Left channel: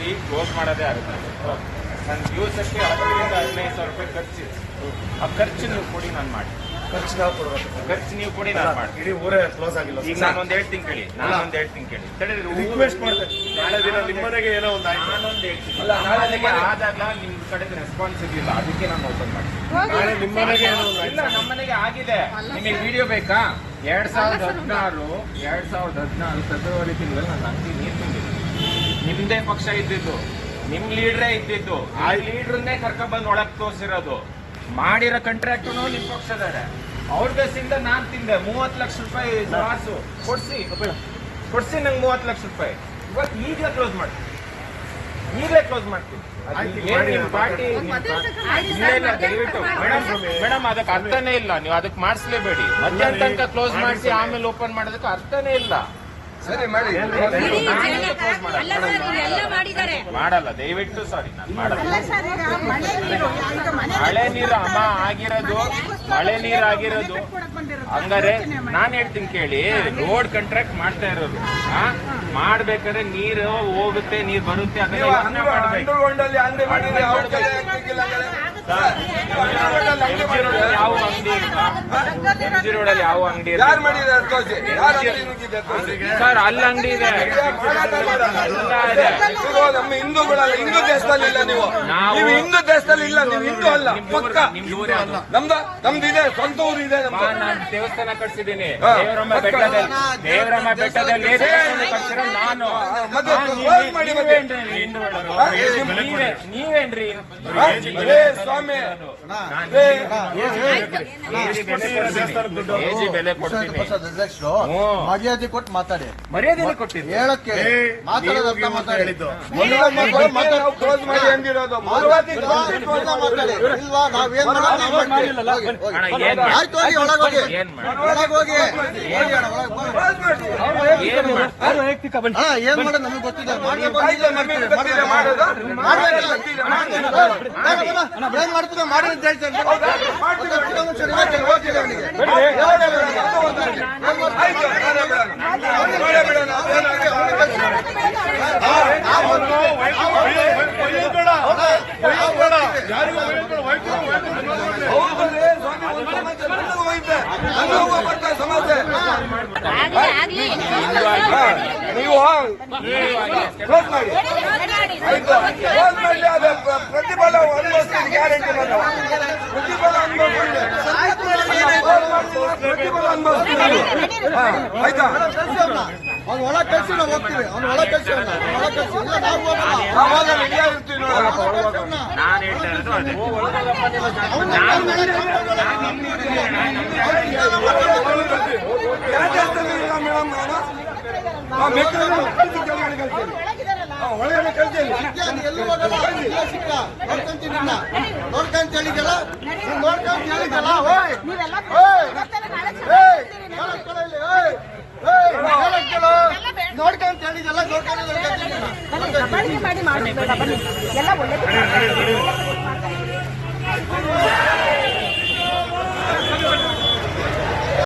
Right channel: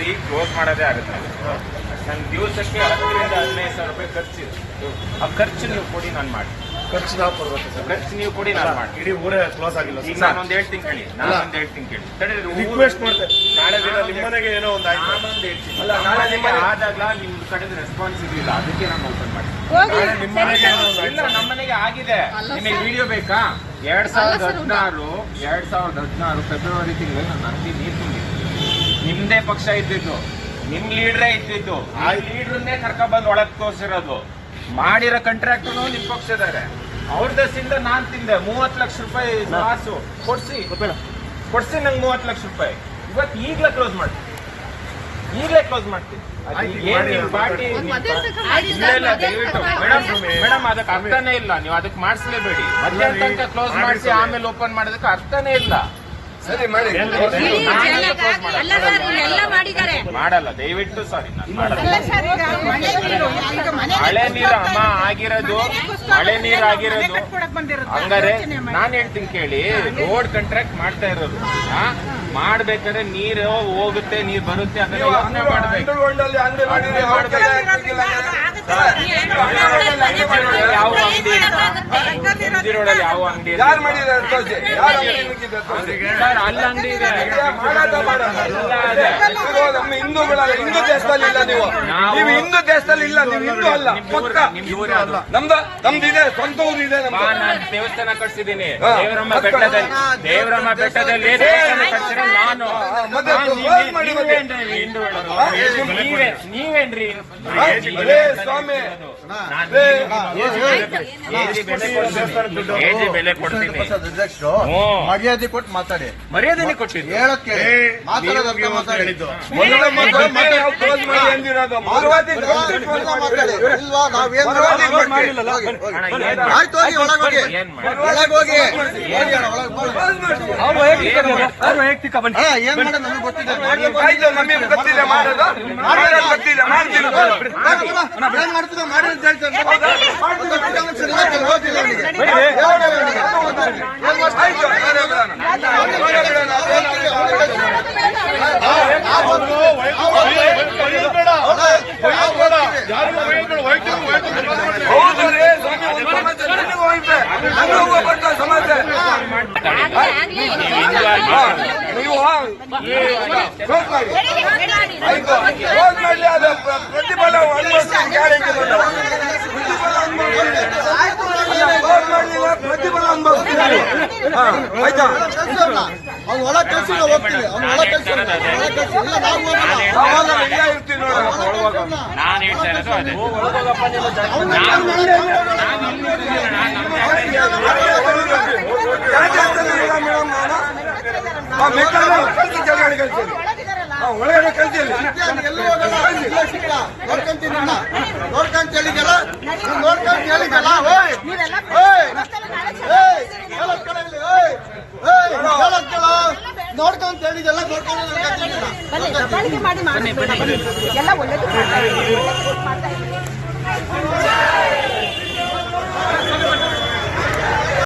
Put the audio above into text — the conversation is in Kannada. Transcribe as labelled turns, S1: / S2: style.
S1: ಸರಿ ಕ್ಲೋಸ್ ಮಾಡೋದೇ ಆಗುತ್ತೆ. ನಾವು ನನ್ನ ದಿವಸಕ್ಕೆ ಹತ್ತರಿಂದ ಹದಿನೈದು ಸಾವಿರ ರೂಪಾಯಿ ಖರ್ಚಿದೆ. ಆ ಖರ್ಚು ನೀವು ಕೊಡಿ ನಾನು ಮಾಡಿ
S2: ಖರ್ಚು ನಾವು ಕೊಡ್ಬೇಕು ಸರ್.
S1: ಖರ್ಚು ನೀವು ಕೊಡಿ ನಾನು ಮಾಡಿ
S2: ಇಡೀ ಊರೇ ಕ್ಲೋಸ್ ಆಗಿಲ್ಲ
S1: ಈಗ
S2: ಸರ್.
S1: ನಾನೊಂದು ಹೇಳ್ತೀನಿ ಕೇಳಿ. ನಾನೊಂದು ಹೇಳ್ತೀನಿ ಕೇಳಿ.
S2: ರಿಕ್ವೆಸ್ಟ್ ಮಾಡ್ತಾರೆ ನಾಳೆ ದಿನ ನಿಮ್ಮನೆಗೆ ಏನೋ ಒಂದು ಆಯ್ತು.
S1: ನಾನೊಂದು ಹೇಳ್ತೀನಿ.
S2: ಅಲ್ಲ, ನಾಳೆ
S1: ನಾಳೆ
S2: ನಿಮ್ಮ ಮನೆ-
S1: ಆದಾಗ್ಲ ನಿಮ್ ಕಡೆದು ರೆಸ್ಪಾನ್ಸ್ ಇಲ್ಲ ಅದಕ್ಕೆ ನಾನು ಓಪನ್ ಮಾಡಿ
S2: ನಾಳೆ ನಿಮ್ಮ ಏನೋ ಒಂದು
S1: ಇಲ್ಲ ನಮ್ಮನೆಗೆ ಆಗಿದೆ. ನಿಮಗೆ ವಿಡಿಯೋ ಬೇಕಾ? ಎರಡ್ ಸಾವಿರದ ಹದಿನಾರು ಎರಡ್ ಸಾವಿರದ ಹದಿನಾರು ಫೆಬ್ರವರಿ ತಿಂಗಳು ನನ್ನ ಅಂಗಡಿ ನೀರು ತುಂಬಿದೆ. ನಿಮ್ದೇ ಪಕ್ಷ ಇದ್ದಿದ್ದು ನಿಮ್ ಲೀಡ್ರೇ ಇದ್ದಿದ್ದು ಆ ಲೀಡ್ರನ್ನೇ ಕರ್ಕೊಂಡ್ಬಂದು ಬಂದು ಒಳಗ್ ತೋರಿಸಿರೋದು. ಮಾಡಿರೋ ಕಂಟ್ರಾಕ್ಟ್ ನಿಮ್ ಪಕ್ಷದಾರೆ ಅವ್ರ ದಸಿಂದ ನಾನ್ ತಿಂದೆ ಮೂವತ್ ಲಕ್ಷ ರೂಪಾಯಿ ಲಾಸು ಕೊಡ್ಸಿ ಕೊಡ್ಸಿ ನಂಗೆ ಮೂವತ್ ಲಕ್ಷ ರೂಪಾಯಿ. ಇವತ್ತು ಈಗ್ಲೇ ಕ್ಲೋಸ್ ಮಾಡ್ತೀನಿ ಈಗಲೇ ಕ್ಲೋಸ್ ಮಾಡ್ತೀನಿ. ಅದು ಏನ್ ನಿಮ್ ಪಾರ್ಟಿ ಇಲ್ಲ ಇಲ್ಲ ದಯವಿಟ್ಟು. ಮೇಡಮ್ ಮೇಡಮ್ ಅದಕ್ಕೆ ಅರ್ಥನೇ ಇಲ್ಲ. ನೀವು ಅದಕ್ಕೆ ಮಾಡಿಸ್ಲೇಬೇಡಿ. ಮಧ್ಯಾಹ್ನ ತನಕ ಕ್ಲೋಸ್ ಮಾಡಿಸಿ ಆಮೇಲೆ ಓಪನ್ ಮಾಡೋದಕ್ಕೆ ಅರ್ಥನೇ ಇಲ್ಲ.
S3: ಸರಿ ಮಾಡಿ.
S1: ಮಾಡಲ್ಲ
S4: ಎಲ್ಲ ಸರ್ ಎಲ್ಲ ಮಾಡಿದ್ದಾರೆ.
S1: ಮಾಡಲ್ಲ. ದಯವಿಟ್ಟು ಸಾರಿ ನಾನು ಮಾಡಲ್ಲ.
S4: ಮಳೆ ನೀರು
S1: ಅಮ್ಮ ಆಗಿರೋದು ಮಳೆ ನೀರು ಆಗಿರೋದು. ಹಂಗಾರೆ ನಾನು ಹೇಳ್ತೀನಿ ಕೇಳಿ ರೋಡ್ ಕಾಂಟ್ರಾಕ್ಟ್ ಮಾಡ್ತಾ ಇರೋರು? ಮಾಡ್ಬೇಕಾದ್ರೆ ನೀರು ಹೋಗುತ್ತೆ ನೀರ್ ಬರುತ್ತೆ ಅದನ್ನ ಯೋಚನೆ ಮಾಡ್ಬೇಕು ಇದೆ
S3: ಮಾಡಿದ್ರೆ ಮಾಡಲ್ಲ. ನೀವು ನಮ್ಮ ಹಿಂದೂಗಳ ಹಿಂದೂ ದೇಶದಲ್ಲಿ ಇಲ್ಲ ನೀವು ನೀವು ಹಿಂದೂ ದೇಶದಲ್ಲಿ ಇಲ್ಲ ನೀವು ಹಿಂದೂ ಅಲ್ಲ ಪಕ್ಕ ನಮ್ದು ನಮ್ದು ಇದೆ ಸ್ವಂತ ಊರು ಇದೆ
S1: ದೇವಸ್ಥಾನ ಕಟ್ಸಿದ್ದೀನಿ ದೇವರಮ್ಮ ಬೆಟ್ಟದಲ್ಲಿ ದೇವರಮ್ಮ ಬೆಟ್ಟದಲ್ಲಿ ದೇವಸ್ಥಾನ ಕಟ್ಸಿರೋ ನಾನು. ನೀವೇನ್ರಿ
S3: ಸ್ವಾಮಿ
S1: ಬೆಲೆ ಕೊಡ್ತೀನಿ.
S5: ಮರ್ಯಾದೆ ಕೊಟ್ಟು ಮಾತಾಡಿ.
S1: ಮರ್ಯಾದೆ ಕೊಟ್ಟಿದ್ದೀನಿ
S5: ಹೇಳಕ್ಕೆ ಮಾತಾಡೋದಂತ ಮಾತಾಡಿ.
S2: ಹೇಳಿದ್ದು.
S3: ಮೊದಲ
S5: ಇಲ್ವಾ ನಾವೇನ್? ಆಯ್ತು ಹೋಗಿ ಒಳಗೆ ಹೋಗಿ
S1: ಏನ್ ಮಾಡಿ?
S5: ಒಳಗೆ ಹೋಗಿ ಹೋಗಿ ಅಣ್ಣ, ಒಳಗೆ ಹೋಗಿ. ಹಾ ಏನ್ ಮಾಡೋದು ನಮ್ಗೆ ಗೊತ್ತಿದೆ ಏನ್ ಮಾಡ್ತಿದ್ದ ಮಾಡಿ ಅಂತ ಹೇಳ್ತೇನೆ
S1: ನೀವು ಹಿಂದೂ
S3: ಆಯ್ತು ಕ್ಲೋಸ್ ಮಾಡ್ಲಿ ಅದ ಪ್ರ- ಪ್ರತಿಫಲ ಅನುಭವಿಸ್ತೀನಿ ಪ್ರತಿಫಲ ಅನುಭವಿಸ್ತೀನಿ ಅಲ್ಲ, ಕ್ಲೋಸ್ ಪ್ರತಿಫಲ ಅನುಭವಿಸ್ತೀನಿ ಆಯ್ತಾ.
S5: ಅವ್ನು ಒಳ ಕಳ್ಸಿ ನಾವು ಹೋಗ್ತೀವಿ ಅವ್ನು ಒಳ ಕಳ್ಸಿ. ಒಳ ಕಳ್ಸಿ ಇಲ್ಲ ನಾವು ಹೋಗಲ್ಲ
S3: ಇಲ್ಲ ಇರ್ತೀವಿ ಒಳಗೋಗ
S1: ನಾನು ಹೇಳ್ತಾ ಇರೋದು ಅದೇ
S3: ಒಳಗಡೆ ಕಳ್ಸಿಲ್ಲ.
S5: ನೋಡ್ಕೊಂತೀನಿ. ನೋಡ್ಕೊಂತ ಹೇಳಿದ್ಯಲ್ಲ ನೀನ್ ನೋಡ್ಕೊಂತ ಹೇಳಿದ್ಯಲ್ಲ ಓಯ್ ಓಯ್ ಹೇಳಕ್ ಕೇಳ ಇಲ್ಲಿ, ಓಯ್ ಏಯ್ ಹೇಳಕ್ ಕೇಳ ನೋಡ್ಕೊಂತ ಹೇಳಿದೆಲ್ಲ.
S4: ಬನ್ನಿ ಮಾಡಿ ಬನ್ನಿ ಎಲ್ಲ ಒಳ್ಳೇದು ಮಾಡ್ತಾ